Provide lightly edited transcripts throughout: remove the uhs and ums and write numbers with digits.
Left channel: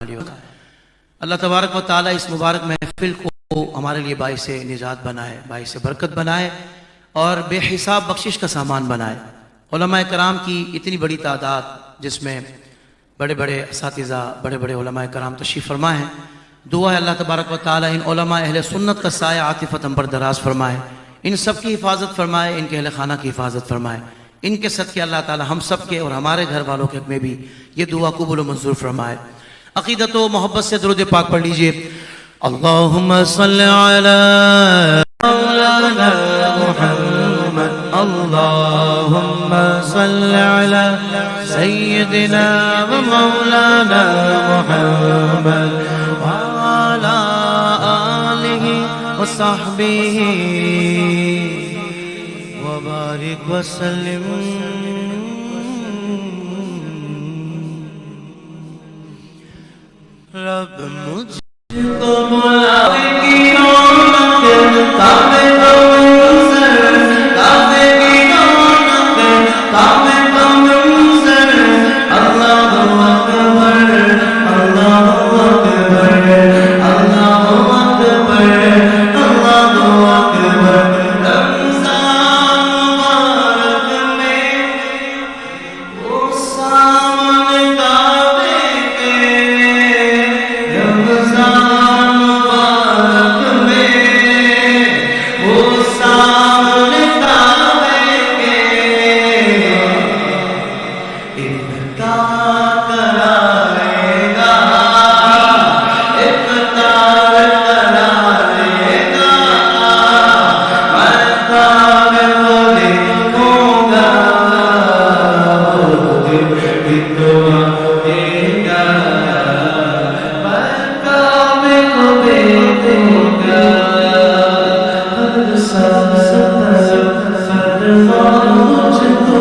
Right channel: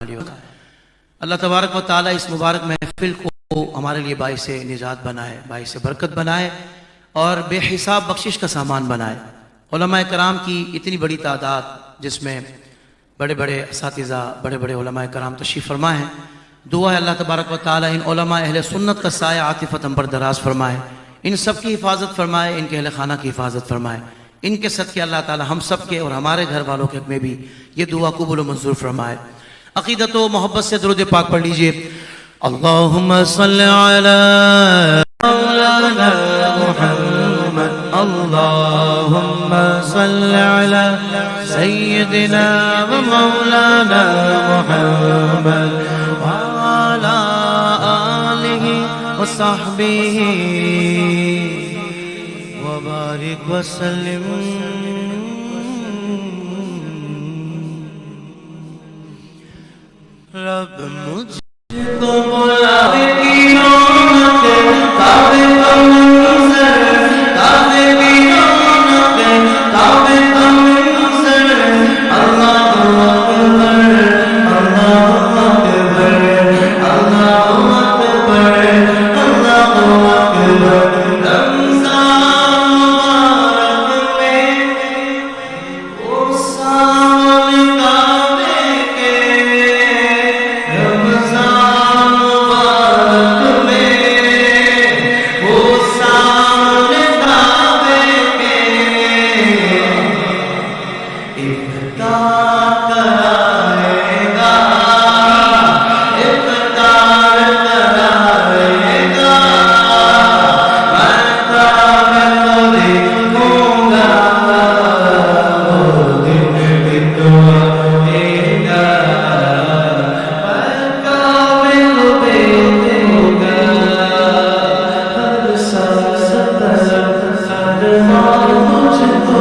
اللہ تبارک و تعالیٰ اس مبارک محفل کو ہمارے لیے باعث نجات بنائے، باعث برکت بنائے اور بے حساب بخشش کا سامان بنائے۔ علماء کرام کی اتنی بڑی تعداد، جس میں بڑے بڑے اساتذہ، بڑے بڑے علماء کرام تشریف فرما ہیں۔ دعا ہے اللہ تبارک و تعالیٰ ان علماء اہل سنت کا سایہ عاطفت ہم پر دراز فرمائے، ان سب کی حفاظت فرمائے، ان کے اہل خانہ کی حفاظت فرمائے۔ ان کے صدقے اللہ تعالیٰ ہم سب کے اور ہمارے گھر والوں کے حق میں بھی یہ دعا قبول و منظور فرمائے۔ عقیدت و محبت سے درود پاک پڑھ لیجئے۔ اللہم صلی علی مولانا محمد، اللہم صلی علی سیدنا و مولانا محمد وعلی آلہ و صحبہ وبارک وسلم۔ رب مجھ کو بلاوے کی رونق، کعبے کا منظر، کعبے کی رونق، کعبے کا منظر۔ اللہ اکبر، اللہ اکبر، اللہ اکبر، اللہ اکبر۔ رمضان مبارک میں وہ سامنے کعبے کے، رمضان مبارک میں وہ سامنے کعبے کے افطار کرائے گا، افطار کرائے گا۔ میں کعبے کو دیکھوں گا، وہ دل بھی دعا دے گا۔ میں کعبے کو دیکھوں گا، ہر سانس طرف فرما مجھ کو،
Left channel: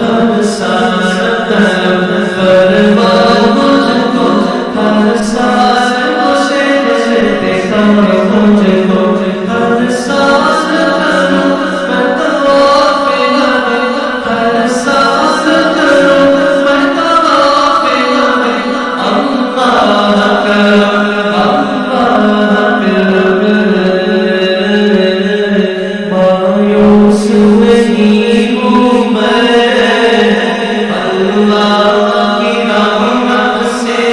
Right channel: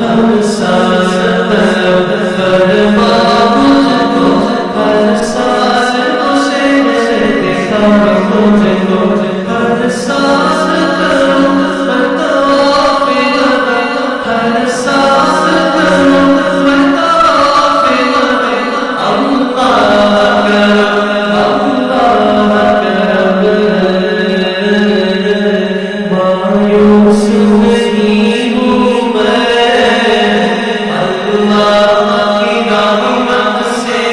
ہر سانس طرف فرما مجھ کو، ہر سانس سے دیکھا مجھ کو، ہر سانس کروں میں طواف لبیک، ہر سانس کروں میں طواف لبیک۔ اللہ کرم، اللہ کرم، مایوس نہیں ہوں میں اللہ کی رحمت سے،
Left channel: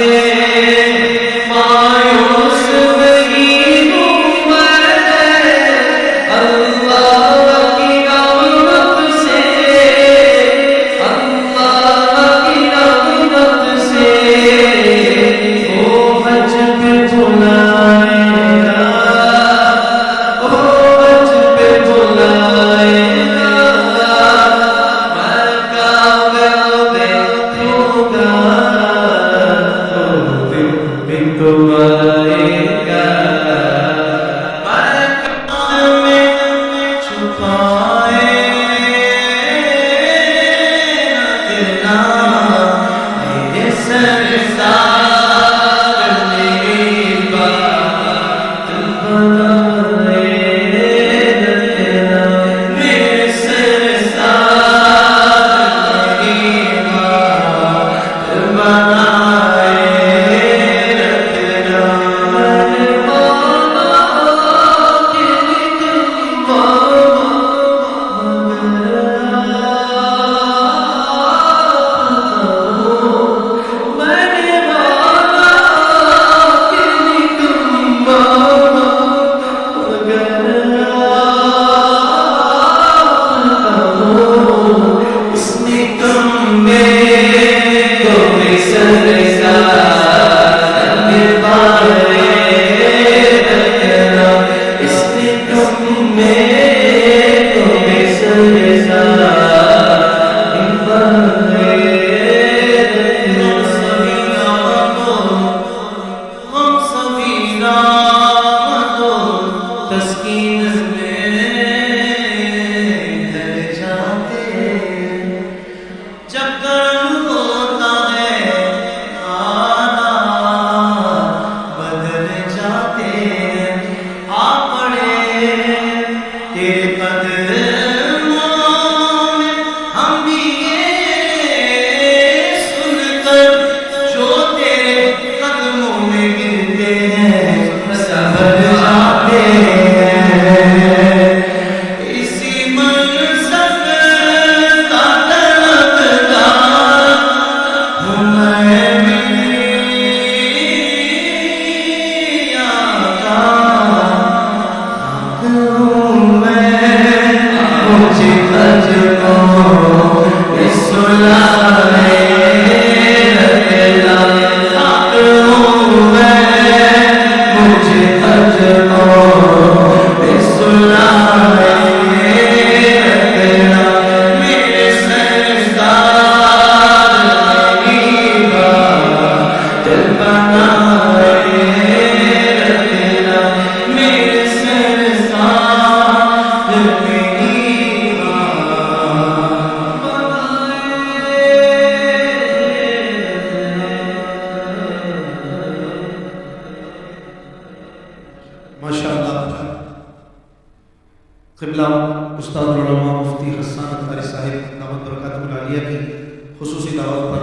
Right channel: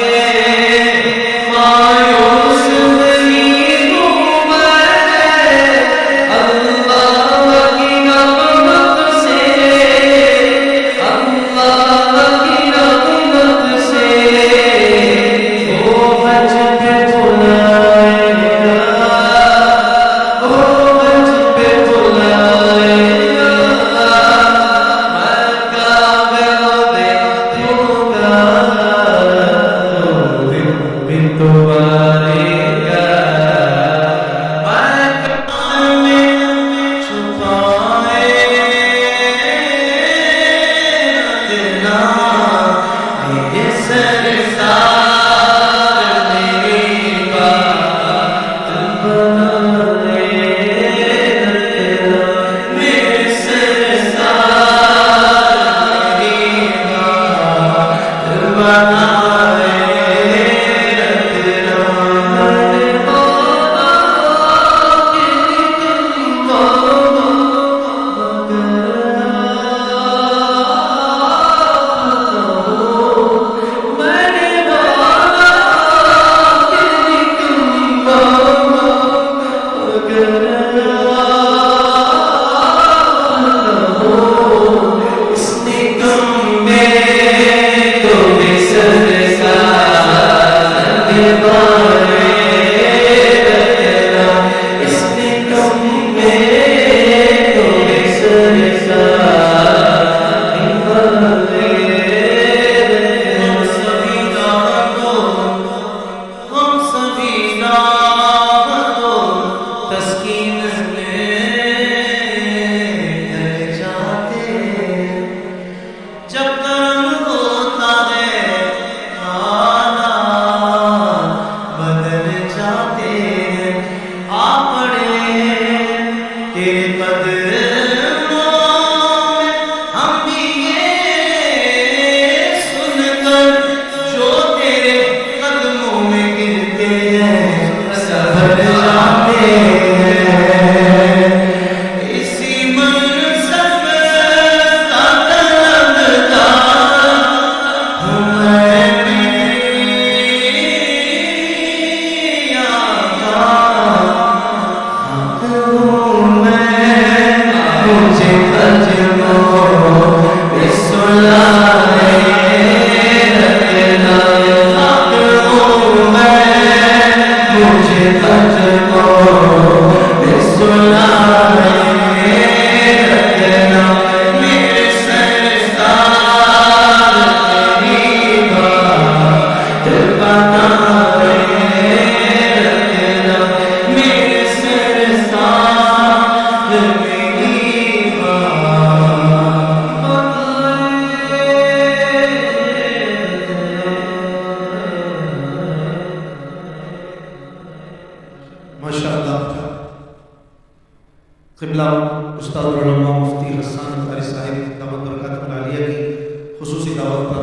مایوس نہیں ہوں میں اللہ کی رحمت سے، اللہ کی رحمت سے۔ وہ حج پہ بلائے گا، وہ حج پہ بلائے گا، میں کعبے کو دیکھوں گا، وہ دن بھی تو آئے گا۔ میں کعبے میں چھپائے رکھنا میرے سرکار، میری بات بنائے رکھنا میرے سرکار، میری بات بنائے رکھنا۔ میں مولا کے لیکن مولا مگر آپ کو، میں نے مولا کے لیکن مولا مگر آپ کو۔ اس نکم میں کو بے سر ماشاءاللہ قبلہ استاد العلماء مفتی حسان اطہاری صاحب دعوت برکاتہ العالیہ کی خصوصی دعوت پر